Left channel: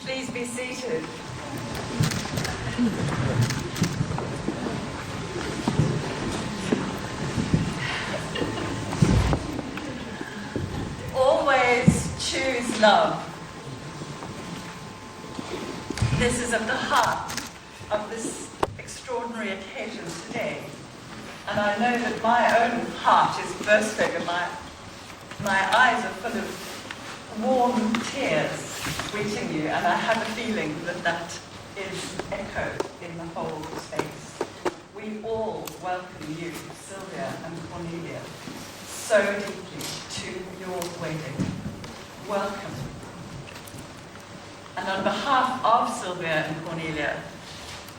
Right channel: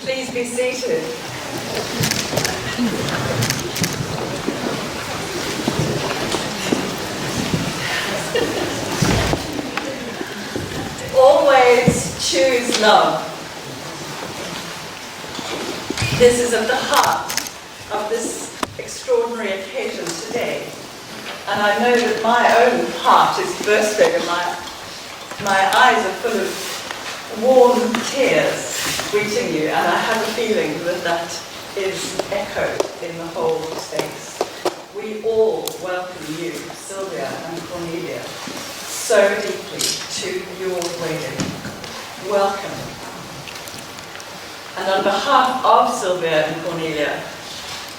Please be seated. Always choose love. This is at the heart of this extraordinary occasion today. And I know that my own heart is bursting and my eyes are full of warm tears greeting you, and I have a feeling that that is echoed in the whole space. We all welcome you, Sylvia and Cornelia, so deeply to your wedding. Welcome. And on behalf of Sylvia and Cornelia,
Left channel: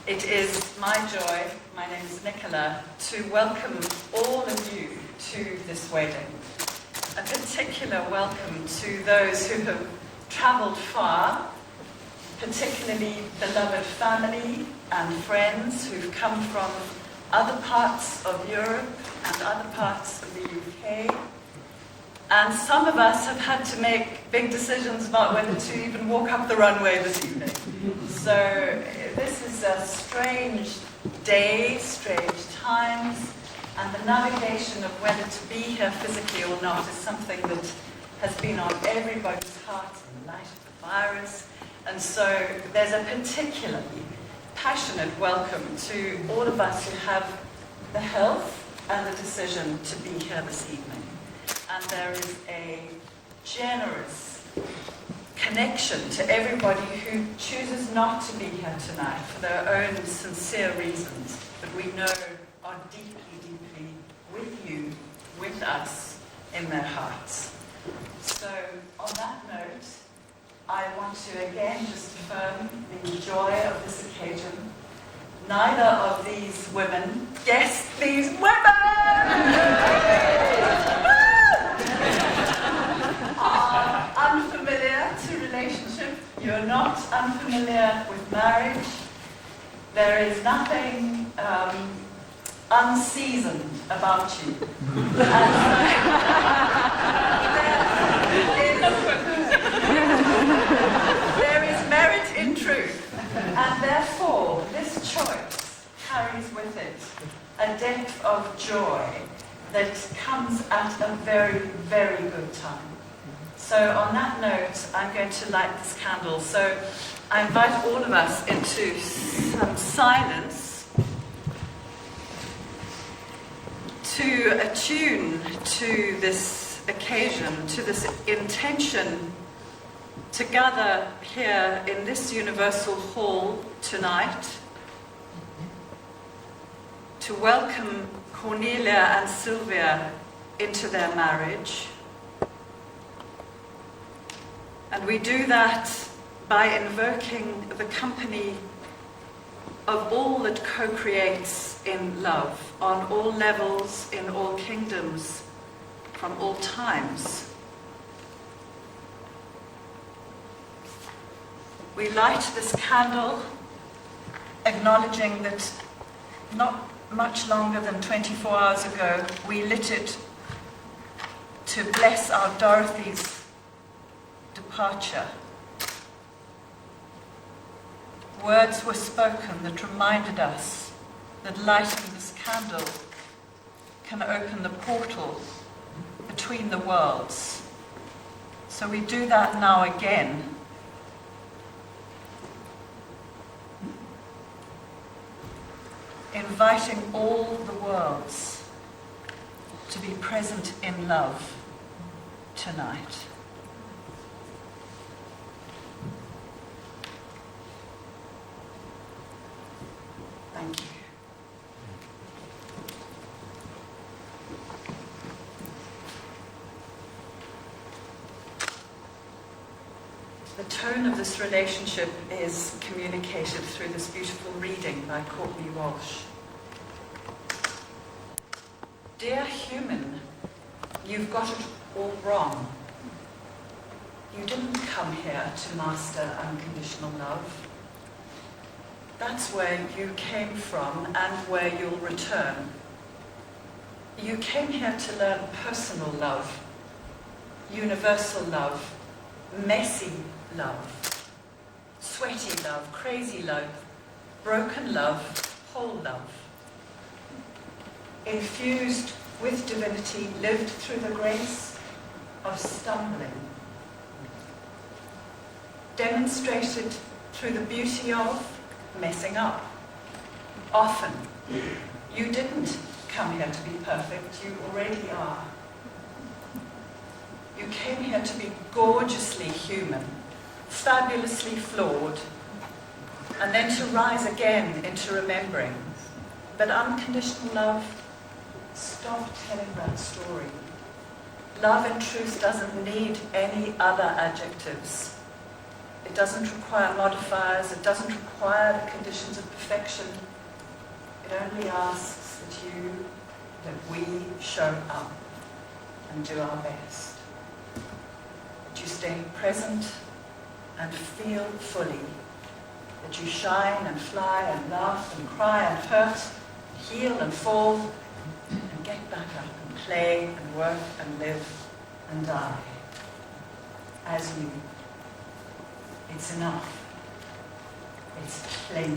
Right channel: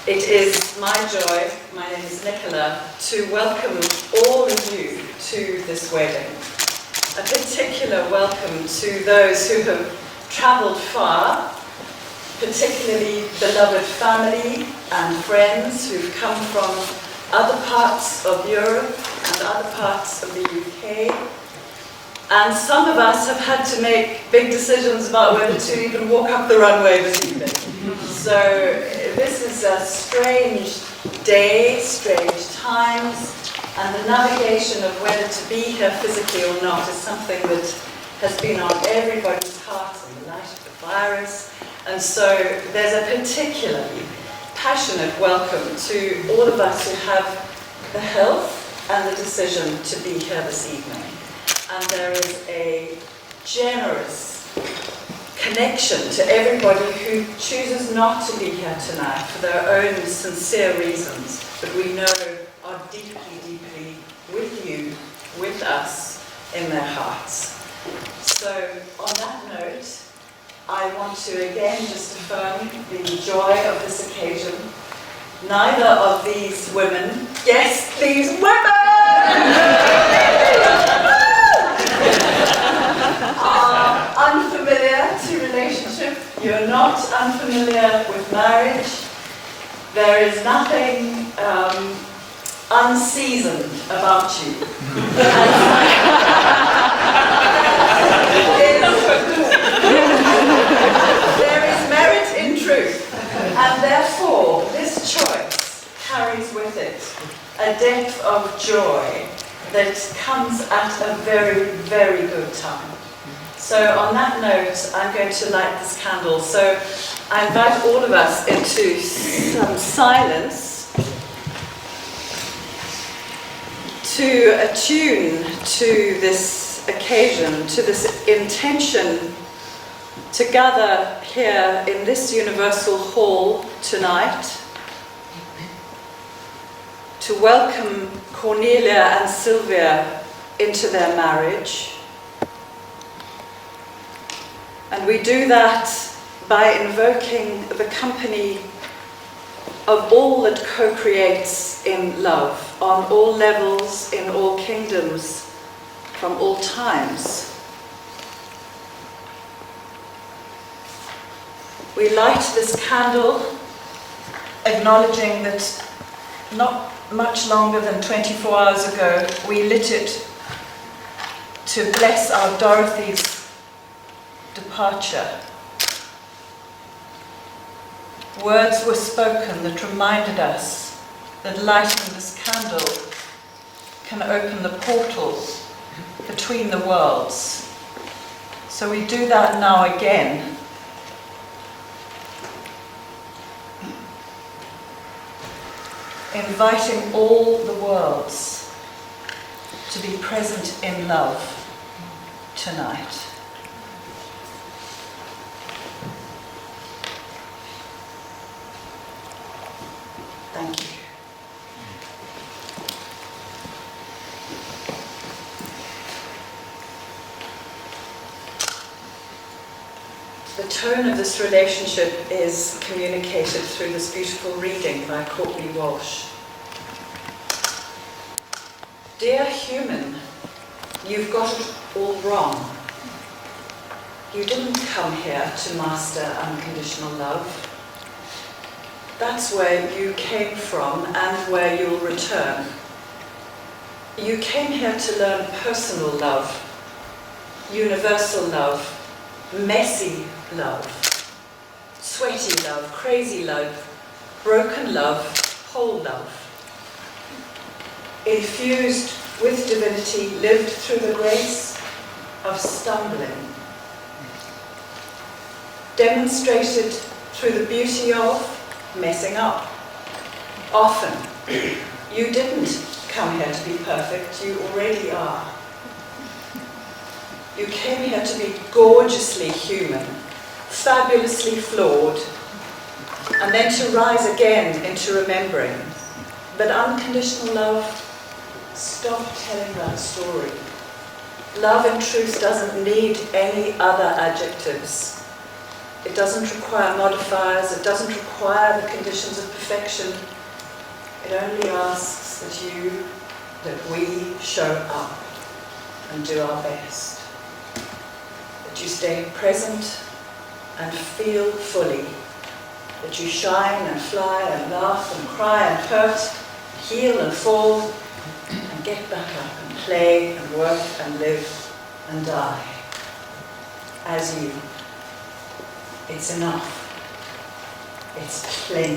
it is my joy, my name is Nicola, to welcome all of you to this wedding. A particular welcome to those who have travelled far, particularly beloved family and friends who've come from other parts of Europe and other parts of the UK. And some of us have had to make big decisions about whether to even walk up the runway this evening. So this is a strange day, strange times, and the navigation of whether to be here physically or not is something that has been on everybody's hearts in the light of the virus. And so there's a particularly passionate welcome to all of us who have the health and the decision to be here this evening. And there is a generous connection to everybody who chooses not to be here tonight for their own sincere reasons, but we know are deeply, deeply with you, with us, in their hearts. So on that note, I want to again just affirm the joy of this occasion. Neither of these women, yes, these women! Unfamiliar to relationship. You're not unfamiliar with marriage. There is nothing unseasoned about you. There is merit in truth, and therefore this choice carries with it a depth of joy that comes at a very, very good time. So on that note, I'm going to light this candle. So I invite all of us into some silence to attune to this occasion, to this intention to gather here in this universal hall tonight, to welcome Cornelia and Sylvia into their marriage. And we do that by invoking the company of all that co-creates in love, on all levels, in all kingdoms, from all times. We light this candle, acknowledging that not much longer than 24 hours ago, we lit it to bless our Dorothy's departure. Words were spoken that reminded us that lighting this candle can open the portal between the worlds. So we do that now again. Inviting all the worlds to be present in love tonight. Thank you. The tone of this relationship is communicated through this beautiful reading by Courtney Walsh. Dear human, you've got it all wrong. You didn't come here to master unconditional love. That's where you came from and where you'll return. You came here to learn personal love, universal love, messy love. sweaty love, crazy love, broken love, whole love. Infused with divinity, lived through the grace of stumbling. Demonstrated through the beauty of messing up. Often, you didn't come here to be perfect, you already are. You came here to be gorgeously human, fabulously flawed, and then to rise again into remembering. But unconditional love, stop telling that story. Love in truth doesn't need any other adjectives. It doesn't require modifiers, it doesn't require the conditions of perfection. It only asks that we show up and do our best. That you stay present and feel fully. That you shine and fly and laugh and cry and hurt, heal and fall, and get back up and play and work and live and die. As you. It's enough. It's plenty.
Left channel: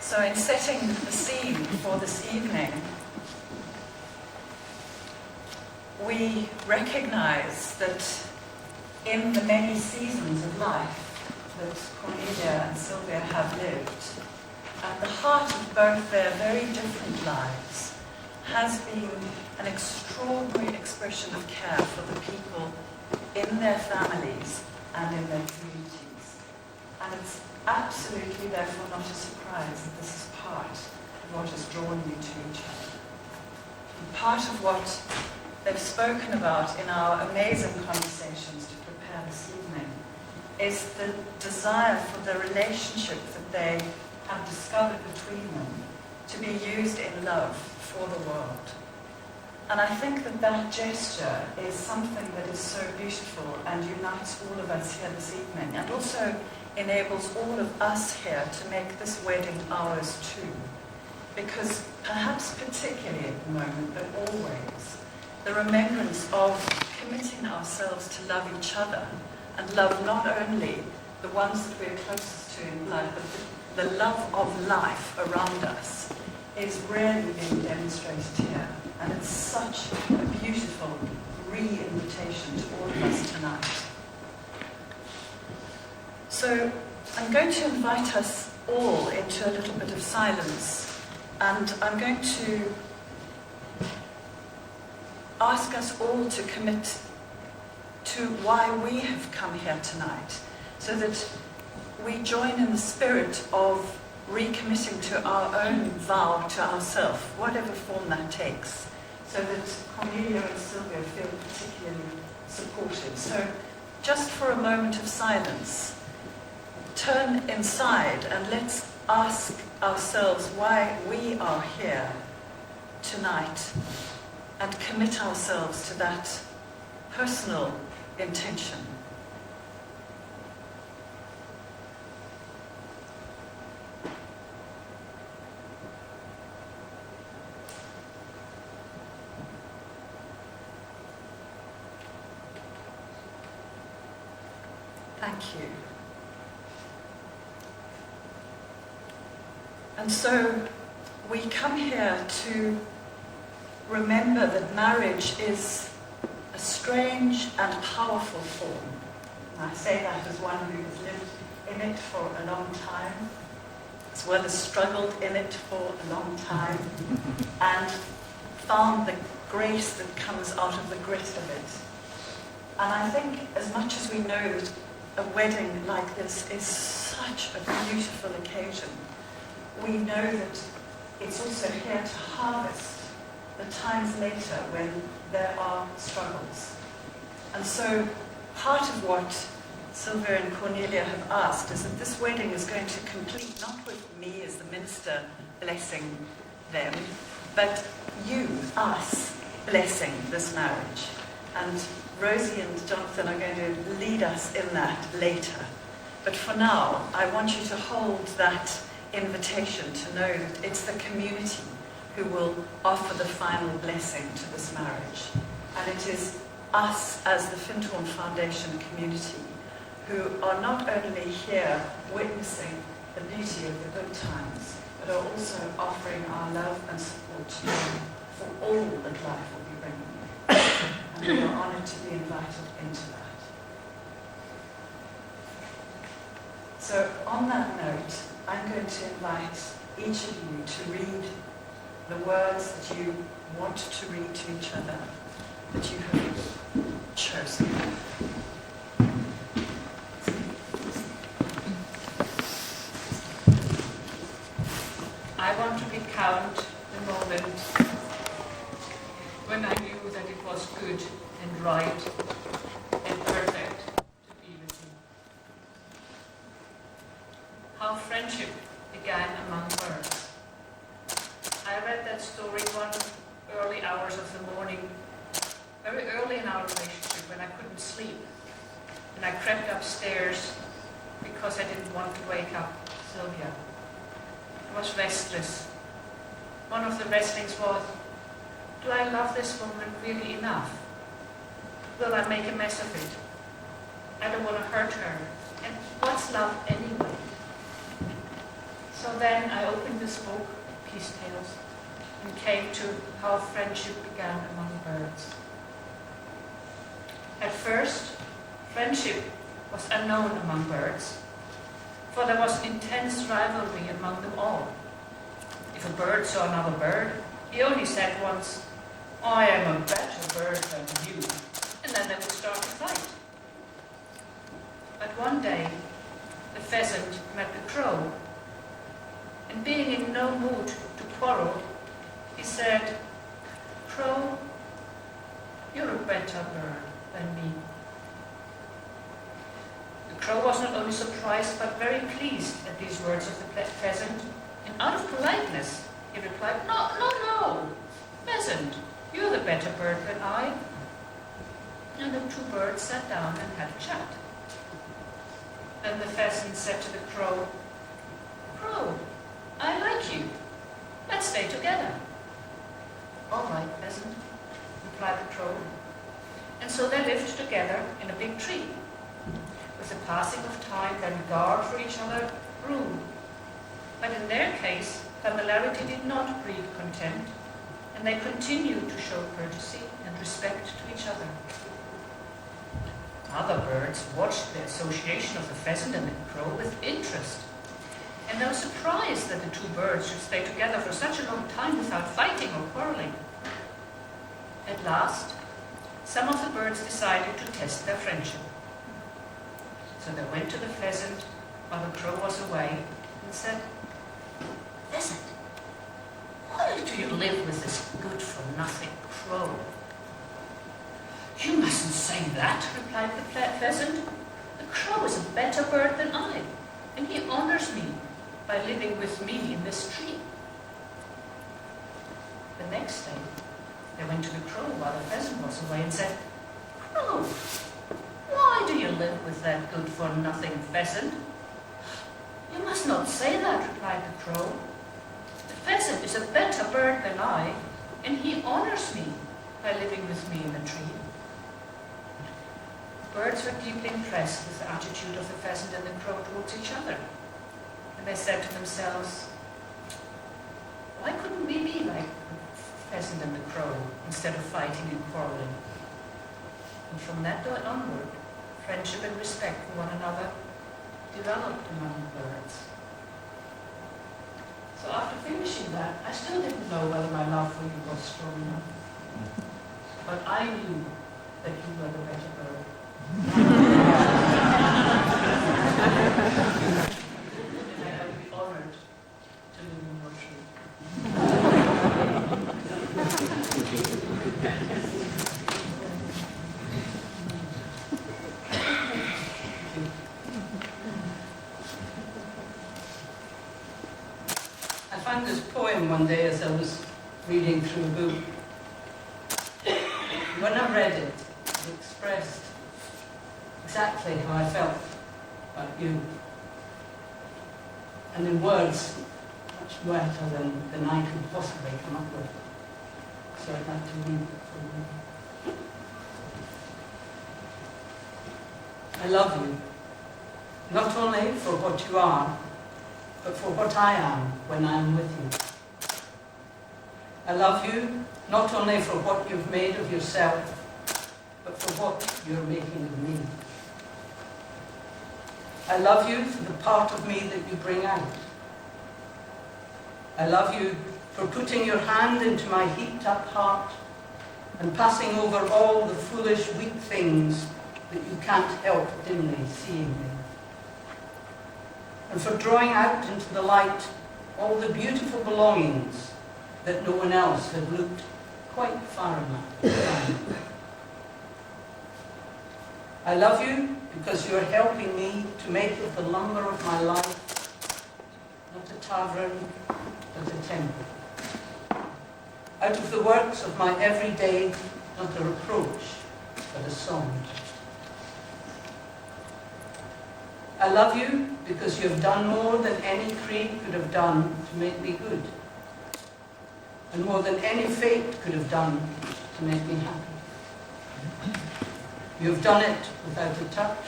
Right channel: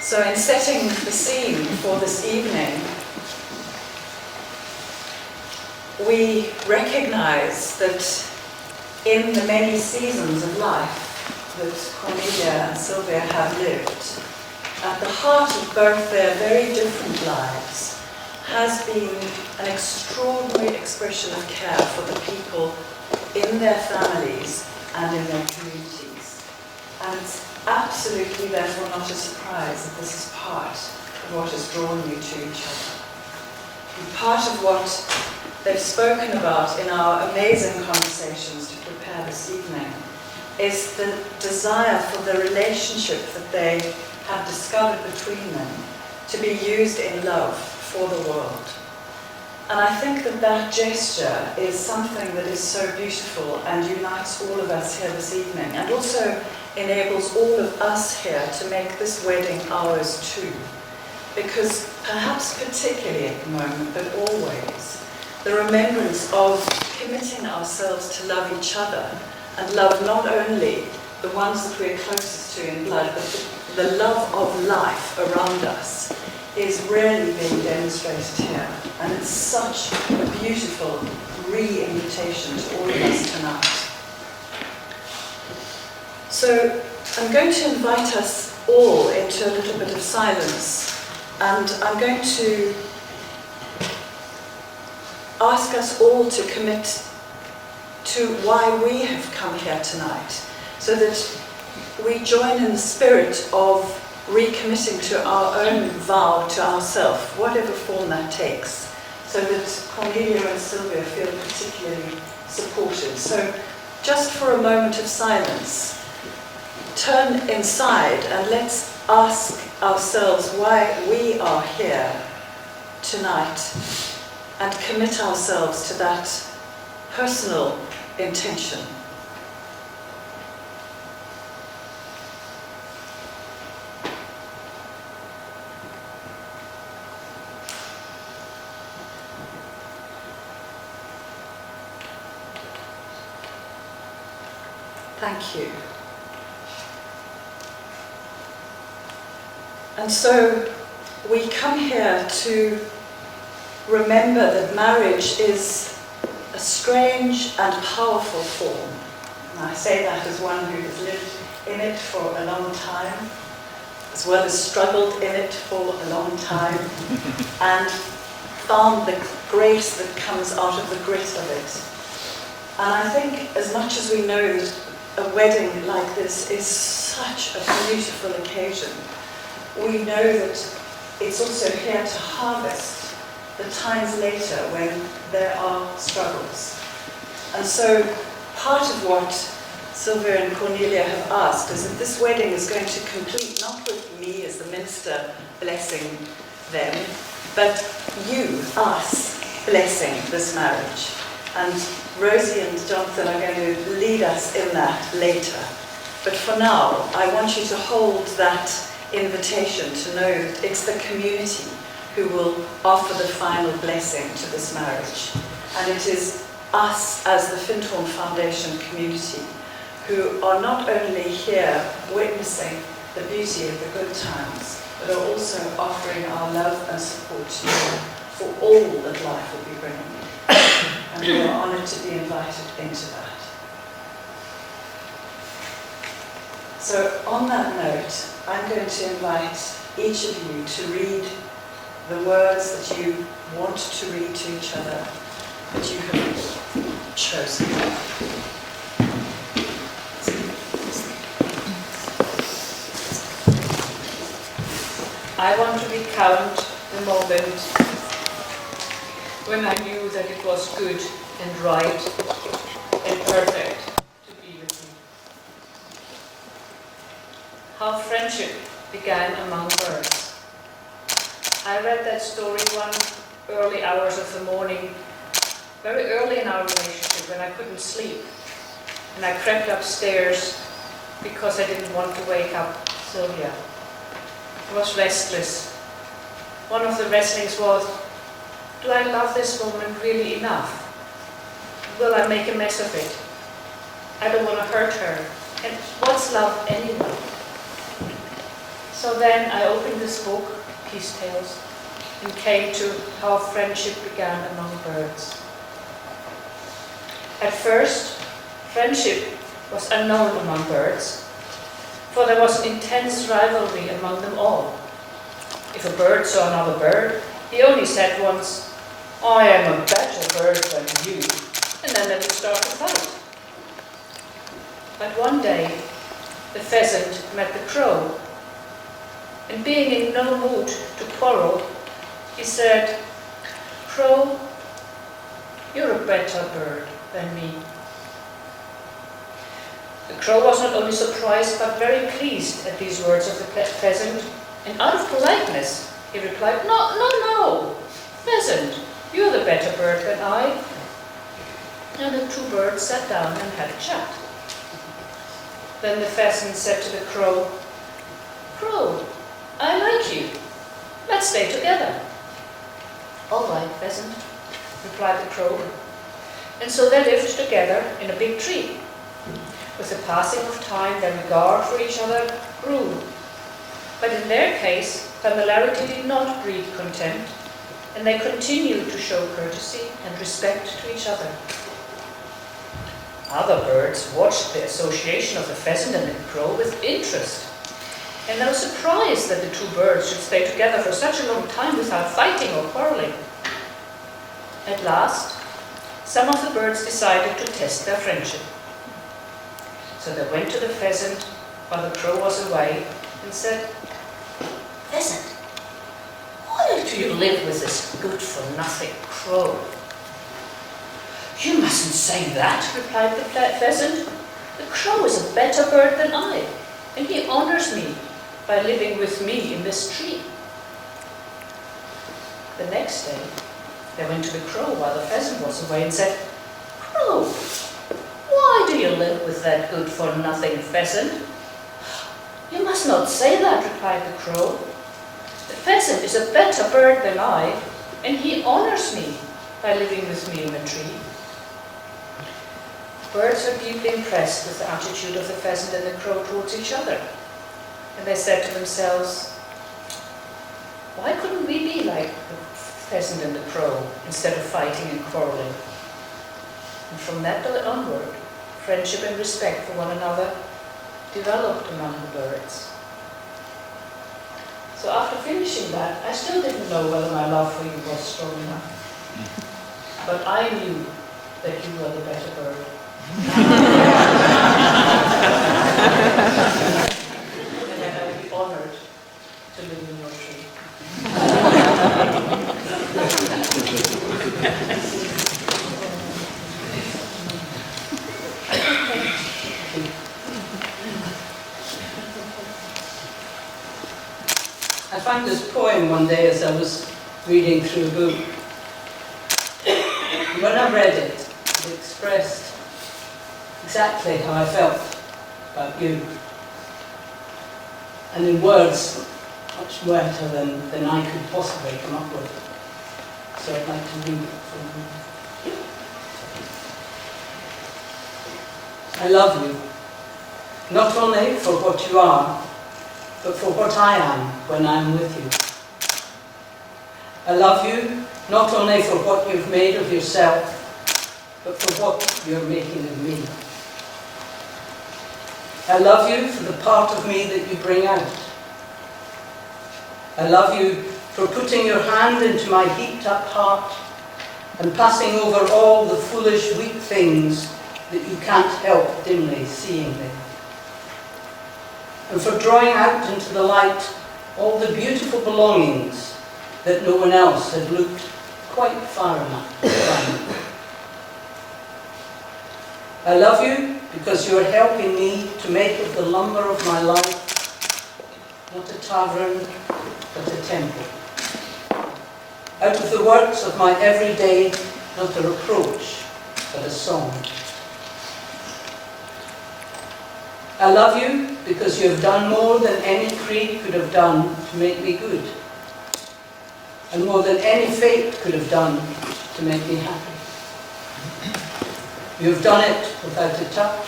So in setting the scene for this evening, we recognize that in the many seasons of life that Cornelia and Sylvia have lived, at the heart of both their very different lives has been an extraordinary expression of care for the people in their families and in their communities. And it's absolutely, therefore, not a surprise that this is part of what has drawn you to each other. And part of what they've spoken about in our amazing conversations to prepare this evening is the desire for the relationship that they have discovered between them to be used in love for the world. And I think that that gesture is something that is so beautiful and unites all of us here this evening, and also enables all of us here to make this wedding ours too. Because perhaps particularly at the moment, but always, the remembrance of committing ourselves to love each other and love not only the ones that we're closest to in blood, but the love of life around us is really being demonstrated here. And it's such a beautiful re-invitation to all of us tonight. So I'm going to invite us all into a little bit of silence, and I'm going to ask us all to commit to why we have come here tonight, so that we join in the spirit of recommitting to our own vow to ourselves, whatever form that takes, so that Cornelia and Sylvia feel particularly supported. So just for a moment of silence, turn inside and let's ask ourselves why we are here tonight and commit ourselves to that personal intention. Thank you. And so we come here to remember that marriage is a strange and powerful form. And I say that as one who has lived in it for a long time, as well as struggled in it for a long time, and found the grace that comes out of the grit of it. And I think as much as we know that a wedding like this is such a beautiful occasion, we know that it's also here to harvest the times later when there are struggles. And so part of what Sylvia and Cornelia have asked is that this wedding is going to complete, not with me as the minister blessing them, but you, us, blessing this marriage. And Rosie and Jonathan are going to lead us in that later. But for now, I want you to hold that invitation to know that it's the community who will offer the final blessing to this marriage. And it is us as the Findhorn Foundation community who are not only here witnessing the beauty of the good times, but are also offering our love and support to you for all that life will be bringing you. And we are honoured to be invited into that. So on that note, I'm going to invite each of you to read the words that you want to read to each other, that you have chosen. I want to recount the moment when I knew that it was good and right and perfect to be with you. How friendship began among birds. I read that story one early hours of the morning, very early in our relationship when I couldn't sleep. And I crept upstairs because I didn't want to wake up Sylvia. I was restless. One of the wrestlings was, do I love this woman really enough? Will I make a mess of it? I don't want to hurt her. And what's love anyway? So then I opened this book, Peace Tales, and came to how friendship began among birds. At first, friendship was unknown among birds, for there was an intense rivalry among them all. If a bird saw another bird, he only said once, I am a better bird than you, and then they would start to fight. But one day, the pheasant met the crow, and being in no mood to quarrel, he said, Crow, you're a better bird than me. The crow was not only surprised but very pleased at these words of the pheasant, and out of politeness he replied, No, pheasant, you're the better bird than I. And the two birds sat down and had a chat. Then the pheasant said to the crow, Crow, I like you. Let's stay together. All right, pheasant, replied the crow. And so they lived together in a big tree. With the passing of time, their regard for each other grew. But in their case, familiarity did not breed contempt, and they continued to show courtesy and respect to each other. Other birds watched the association of the pheasant and the crow with interest, and they were surprised that the two birds should stay together for such a long time without fighting or quarreling. At last, some of the birds decided to test their friendship. So they went to the pheasant while the crow was away and said, Pheasant, why do you live with this good-for-nothing crow? You mustn't say that, replied the pheasant. The crow is a better bird than I, and he honors me by living with me in this tree. The next day, they went to the crow while the pheasant was away and said, Crow, why do you live with that good-for-nothing pheasant? You must not say that, replied the crow. The pheasant is a better bird than I, and he honors me by living with me in the tree. Birds were deeply impressed with the attitude of the pheasant and the crow towards each other, and they said to themselves, why couldn't we be like the pheasant and the crow instead of fighting and quarreling? And from that day onward, friendship and respect for one another developed among the birds. So after finishing that, I still didn't know whether my love for you was strong enough. But I knew that you were the better bird. And that I would be honored to live in your tree. I found this poem one day as I was reading through a book. When I read it, it expressed exactly how I felt about you. and in words much wetter than I could possibly come up with. So I'd like to read it for you. I love you, not only for what you are, but for what I am when I am with you. I love you not only for what you've made of yourself, but for what you're making of me. I love you for the part of me that you bring out. I love you for putting your hand into my heaped-up heart and passing over all the foolish, weak things that you can't help dimly seeing there. And for drawing out into the light all the beautiful belongings that no one else had looked quite far enough to find. I love you because you are helping me to make of the lumber of my life not a tavern, but a temple. Out of the works of my everyday, not a reproach, but a song. I love you because you have done more than any creed could have done to make me good, and more than any fate could have done to make me happy. You have done it without a touch,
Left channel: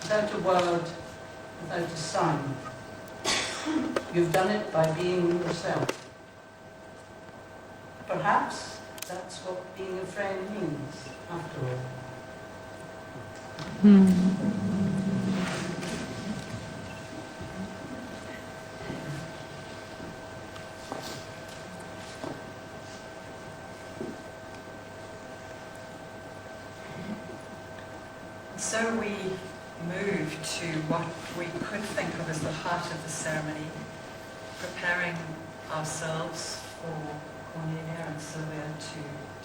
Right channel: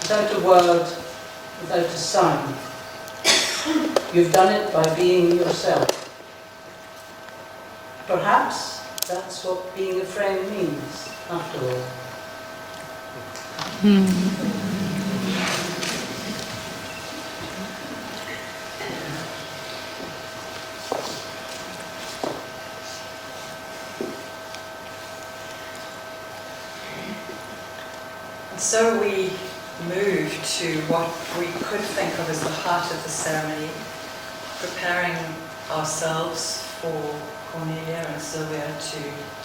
without a word, without a sign. You've done it by being yourself. Perhaps that's what being a friend means, after all. So we move to what we could think of as the heart of the ceremony, preparing ourselves for Cornelia and Sylvia to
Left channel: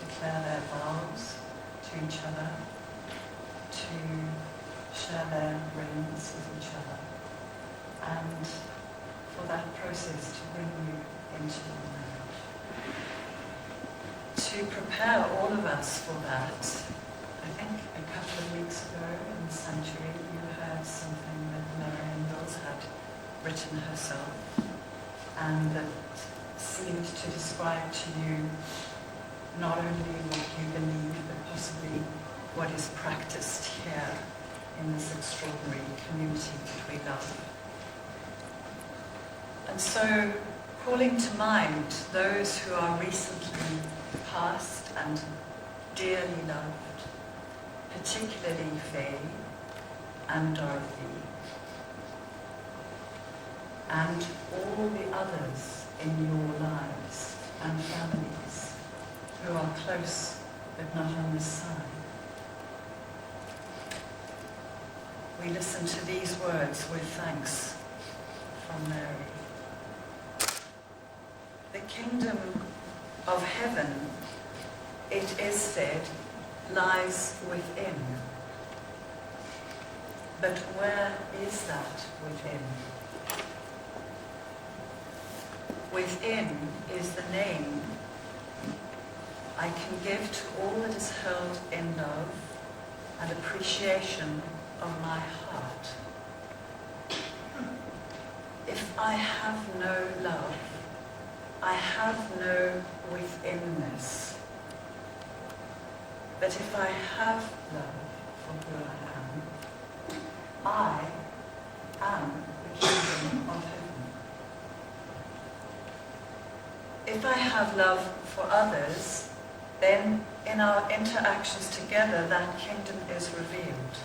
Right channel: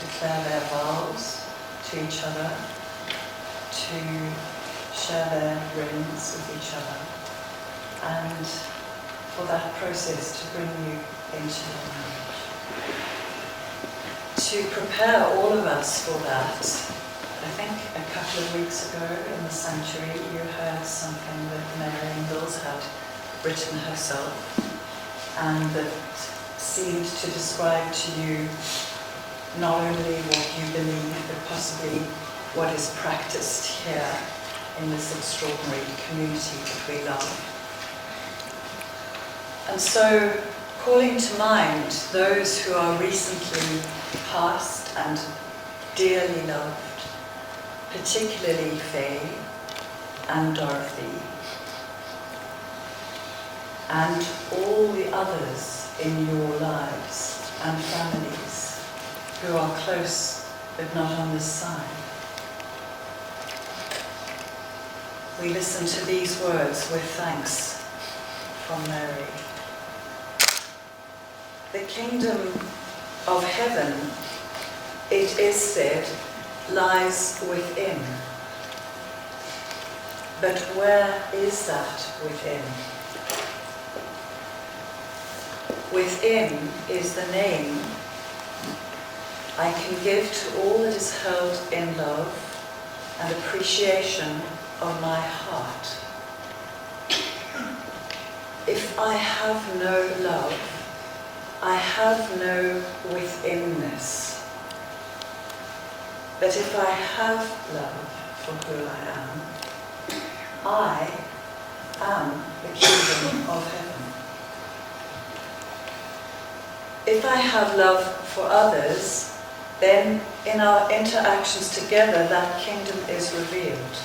declare their vows to each other, to share their rings with each other, and for that process to bring you into your marriage. To prepare all of us for that, I think a couple of weeks ago in the sanctuary you heard something that Mary Ingalls had written herself and that seemed to describe to you not only what you believe but possibly what is practiced here in this extraordinary community that we love. And so calling to mind those who are recently passed and dearly loved, particularly Faye and Dorothy, and all the others in your lives and families who are close but not on this side. We listen to these words with thanks from Mary. The kingdom of heaven, it is said, lies within. But where is that within? Within is the name I can give to all that is held in love and appreciation of my heart. If I have no love, I have no withinness. But if I have love for who I am the kingdom of heaven. If I have love for others, then in our interactions together that kingdom is revealed.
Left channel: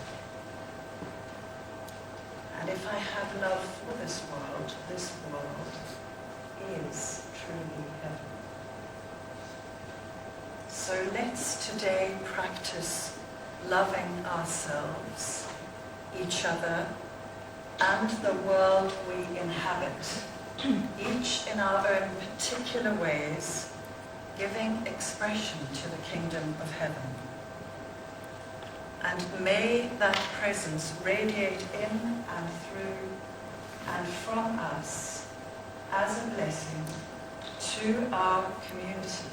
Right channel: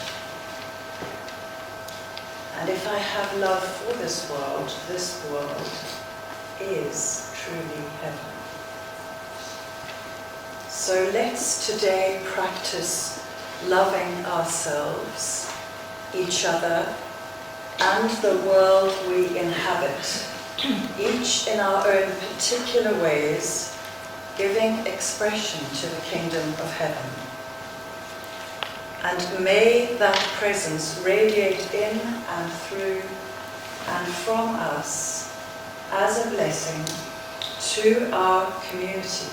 And if I have love for this world is truly heaven. So let's today practice loving ourselves, each other, and the world we inhabit, each in our own particular ways, giving expression to the kingdom of heaven. And may that presence radiate in and through and from us as a blessing to our community,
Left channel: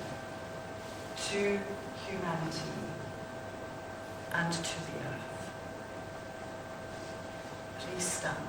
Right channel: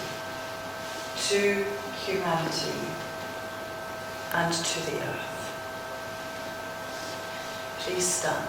to humanity, and to the earth. Please stand.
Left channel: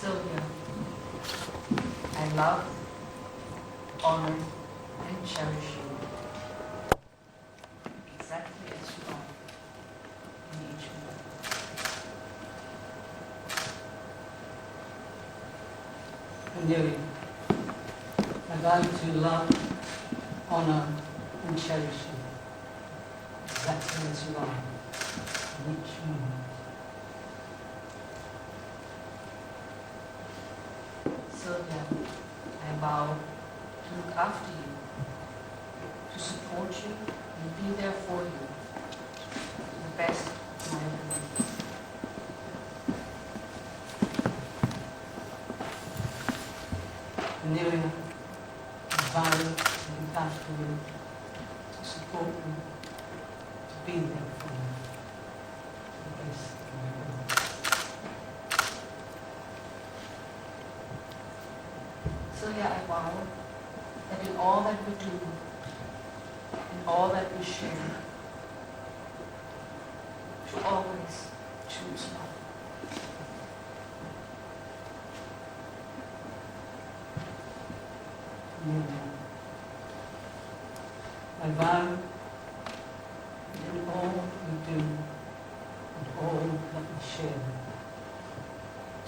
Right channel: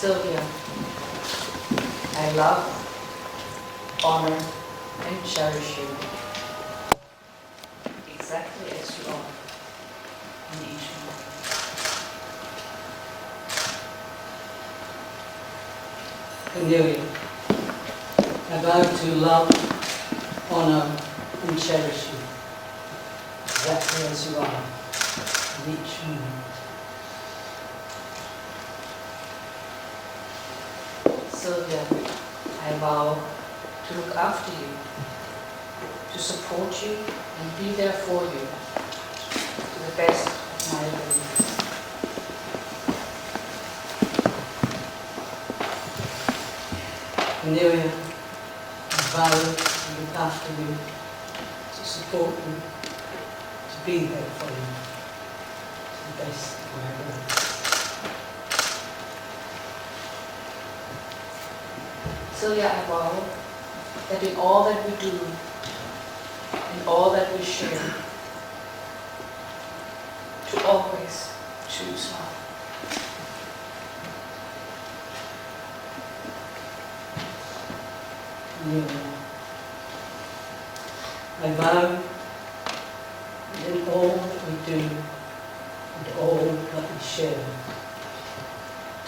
Sylvia, I love, honor, and cherish you exactly as you are in each moment. Cornelia, I vow to love, honor, and cherish you exactly as you are in each moment. Sylvia, I vow to look after you, to support you, and be there for you to the best of my ability. Cornelia, I vow to look after you, to support you, to be there for you to the best of my ability. Sylvia, I vow that in all that we do, in all that we share, to always choose love. Cornelia, I vow that in all that we do and all that we share,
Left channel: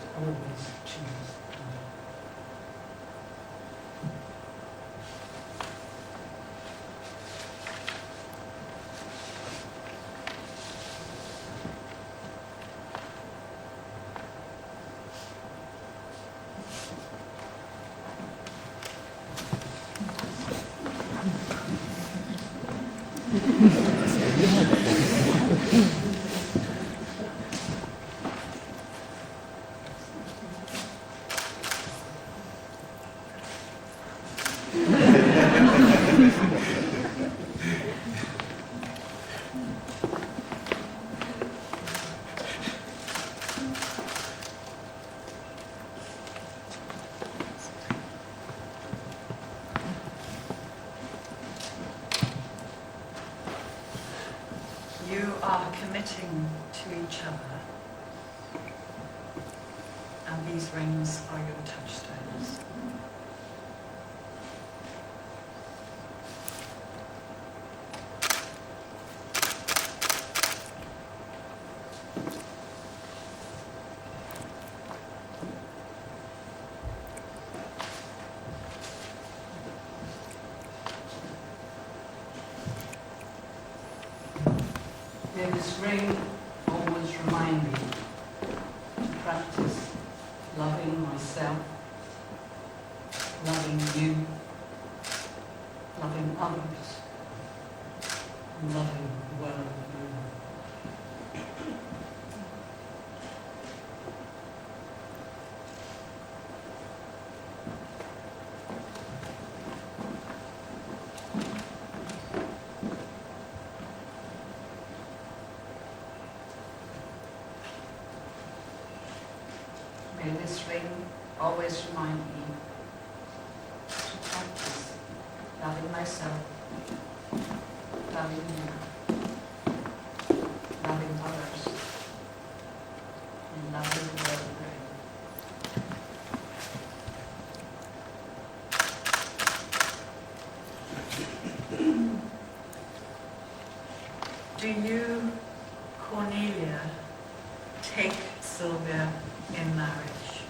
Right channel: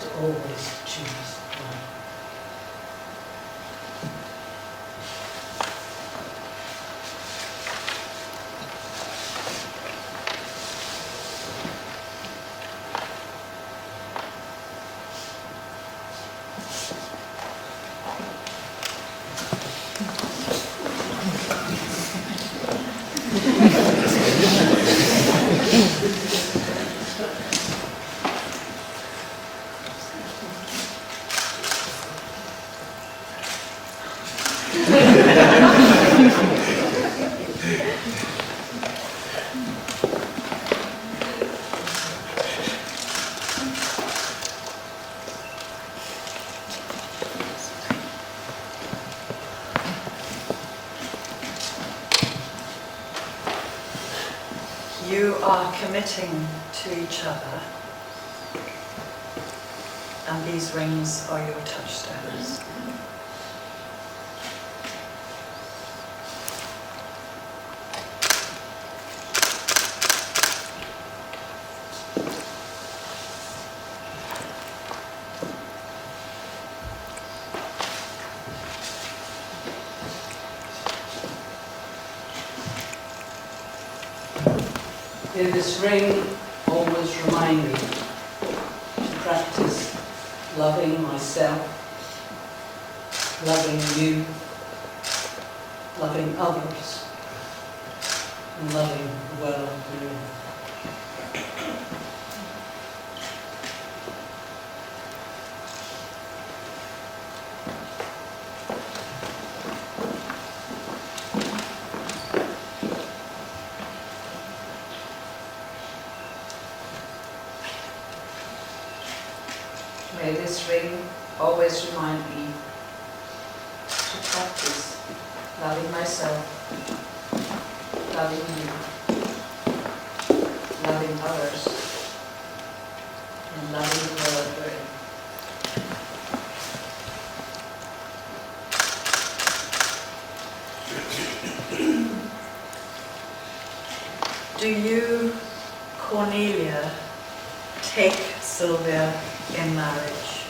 to always choose love. You are committing to each other, and these rings are your touchstones. May this ring always remind me to practice loving myself, loving you, loving others, and loving the world we're in. May this ring always remind me to practice loving myself, loving you, loving others, and loving the world we're in. Do you, Cornelia, take Sylvia in marriage?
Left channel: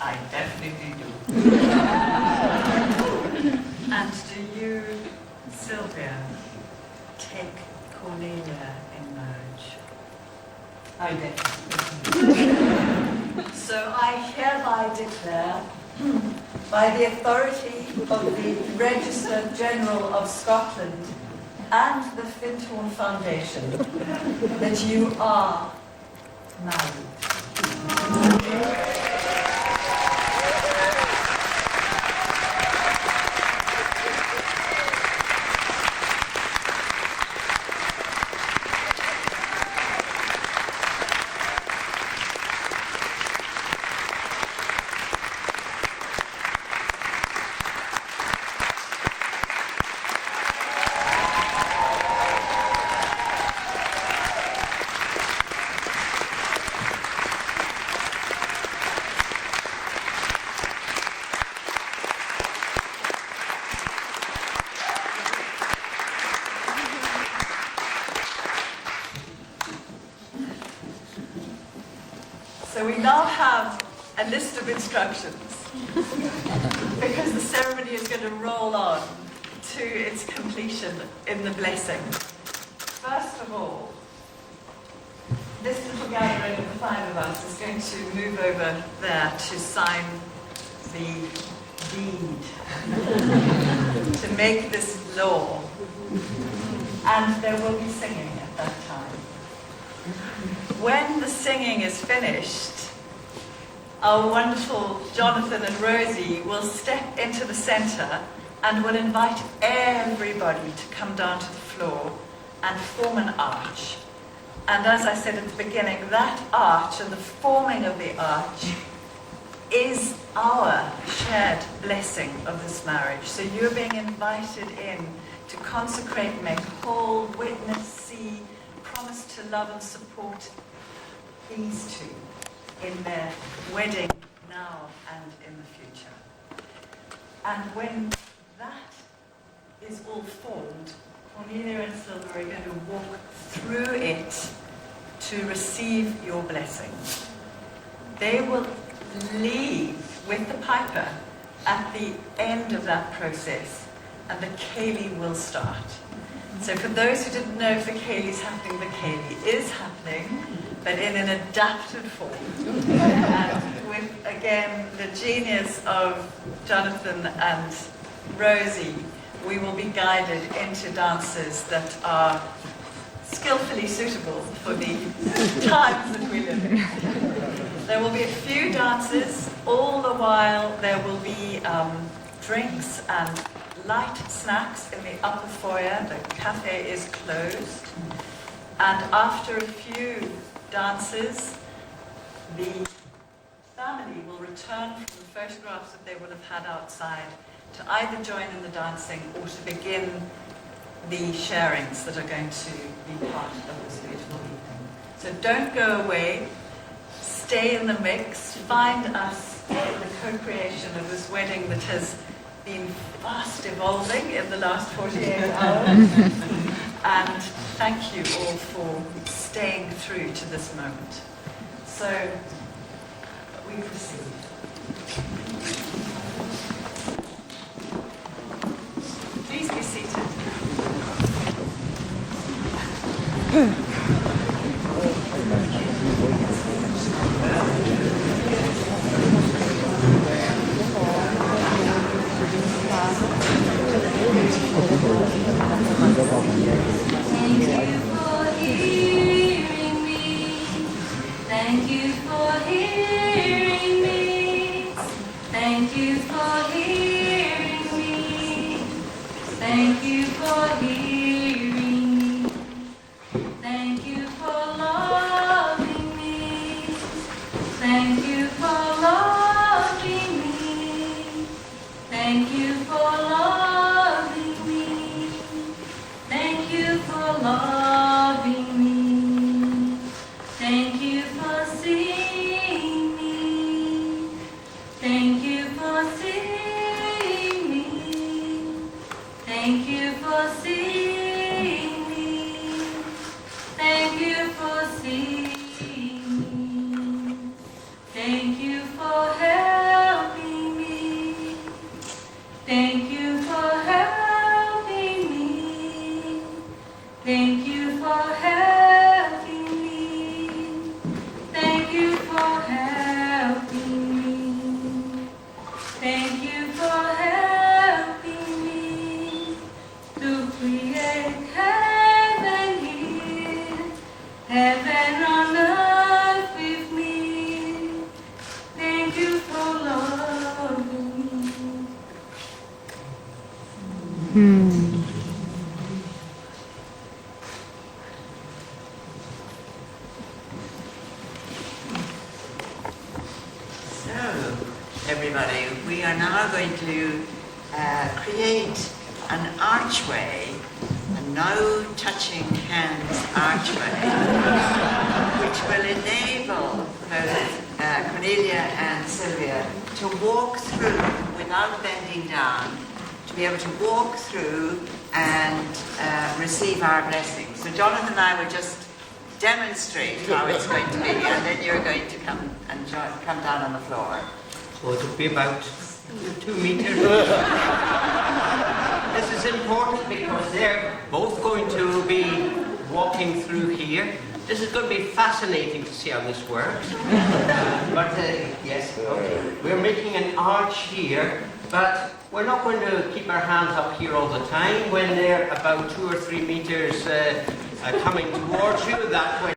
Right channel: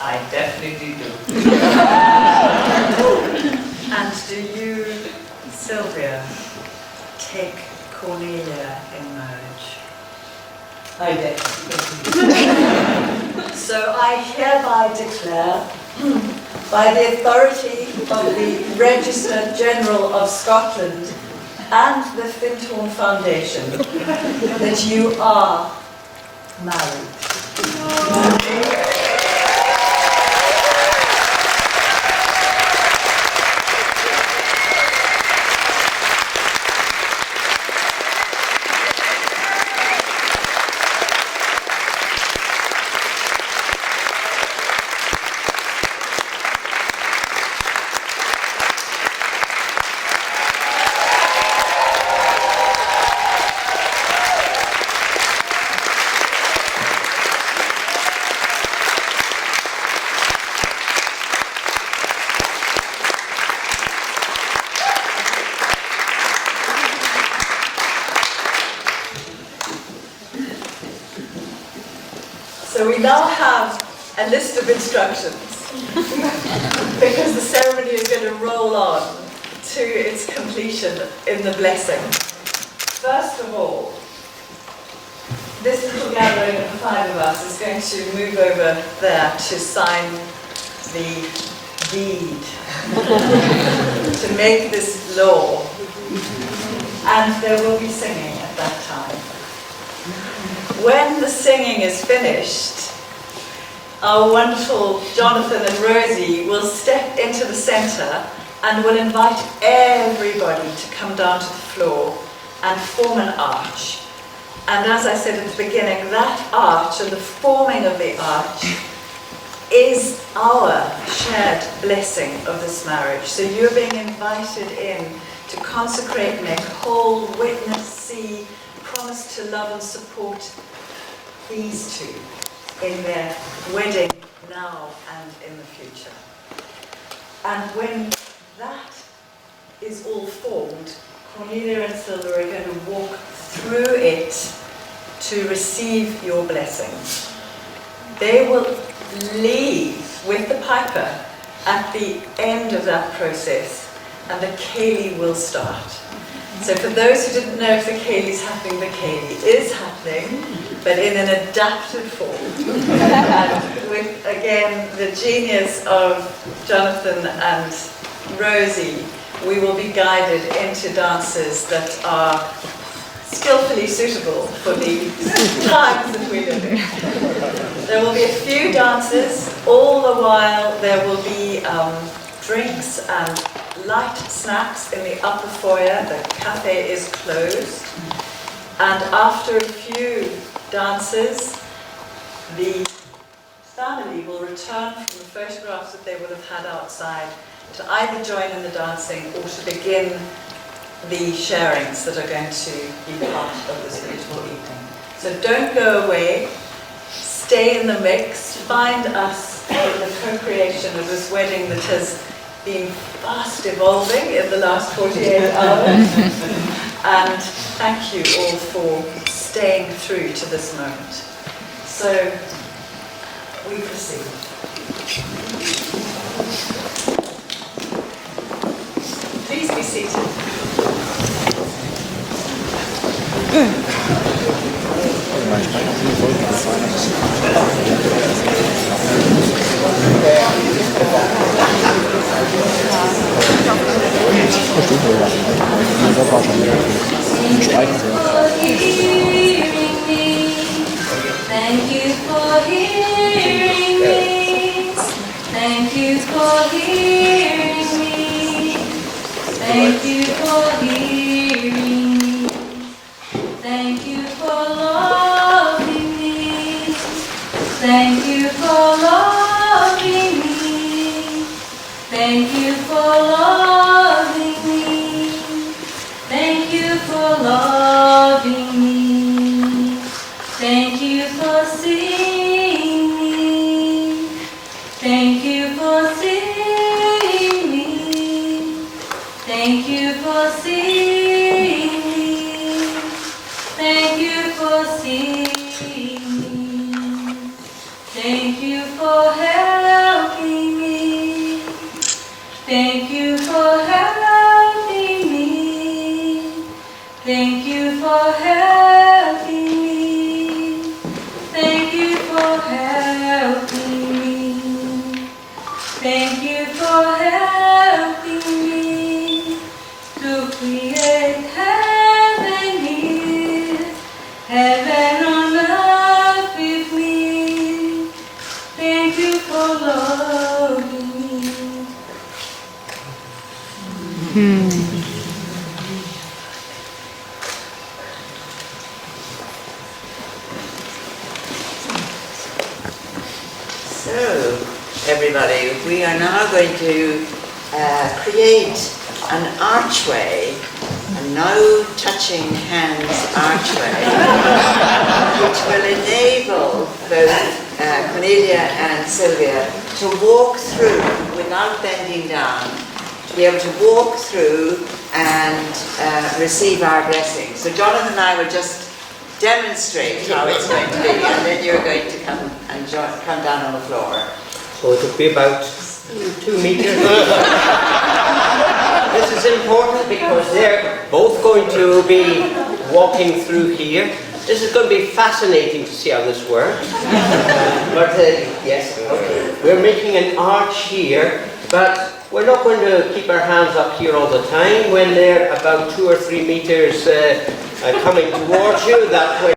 I definitely do. And do you, Sylvia, take Cornelia in marriage? I definitely. So I hereby declare, by the authority of the Register General of Scotland and the Findhorn Foundation, that you are married. we now have a list of instructions because the ceremony is going to roll on to its completion in the blessing. First of all, this little gathering of the 5 of us is going to move over there to sign the deed, to make this law. And there will be singing at that time. When the singing is finished, our wonderful Jonathan and Rosie will step into the centre and will invite everybody to come down to the floor and form an arch. And as I said at the beginning, that arch and the forming of the arch is our shared blessing of this marriage. So you're being invited in to consecrate, make whole, witness, see, promise to love and support these two in their wedding now and in the future. And when that is all formed, Cornelia and Sylvia are going to walk through it to receive your blessing. They will leave with the piper at the end of that process, and the ceilidh will start. So for those who didn't know if the ceilidh's happening, the ceilidh is happening, but in an adapted form. And with, again, the genius of Jonathan and Rosie, we will be guided into dances that are skillfully suitable for the times that we live in. There will be a few dances, all the while there will be drinks and light snacks in the upper foyer. The cafe is closed. And after a few dances, the family will return from the photographs that they would have had outside to either join in the dancing or to begin the sharings that are going to be part of this beautiful evening. So don't go away, stay in the mix, find us in the co-creation of this wedding that has been fast evolving in the last 48 hours. And thank you all for staying through to this moment. So we proceed. Please be seated. Thank you for hearing me. Thank you for hearing me. Thank you for hearing me. Thank you for loving me. Thank you for loving me. Thank you for loving me. Thank you for loving me. Thank you for seeing me. Thank you for seeing me. Thank you for seeing me. Thank you for seeing me. Thank you for helping me. Thank you for helping me. Thank you for helping me. Thank you for helping me. Thank you for helping me to create heaven here, heaven on earth with me. Thank you for loving me. So, everybody, we are now going to create an archway, a no touching hands archway, which will enable both Cornelia and Sylvia to walk through without bending down, to be able to walk through and receive our blessing. So Jonathan and I will just demonstrate how it's going to be, and then you're going to come and come down on the floor. So it'll be about 2 meters. This is important because they're both going to be walking through here. This is going to be fascinating to see how this works. Yes, okay. We're making an arch here, but we're not going to keep our hands up here all the time. When they're about 2 or 3 meters coming towards you, that way.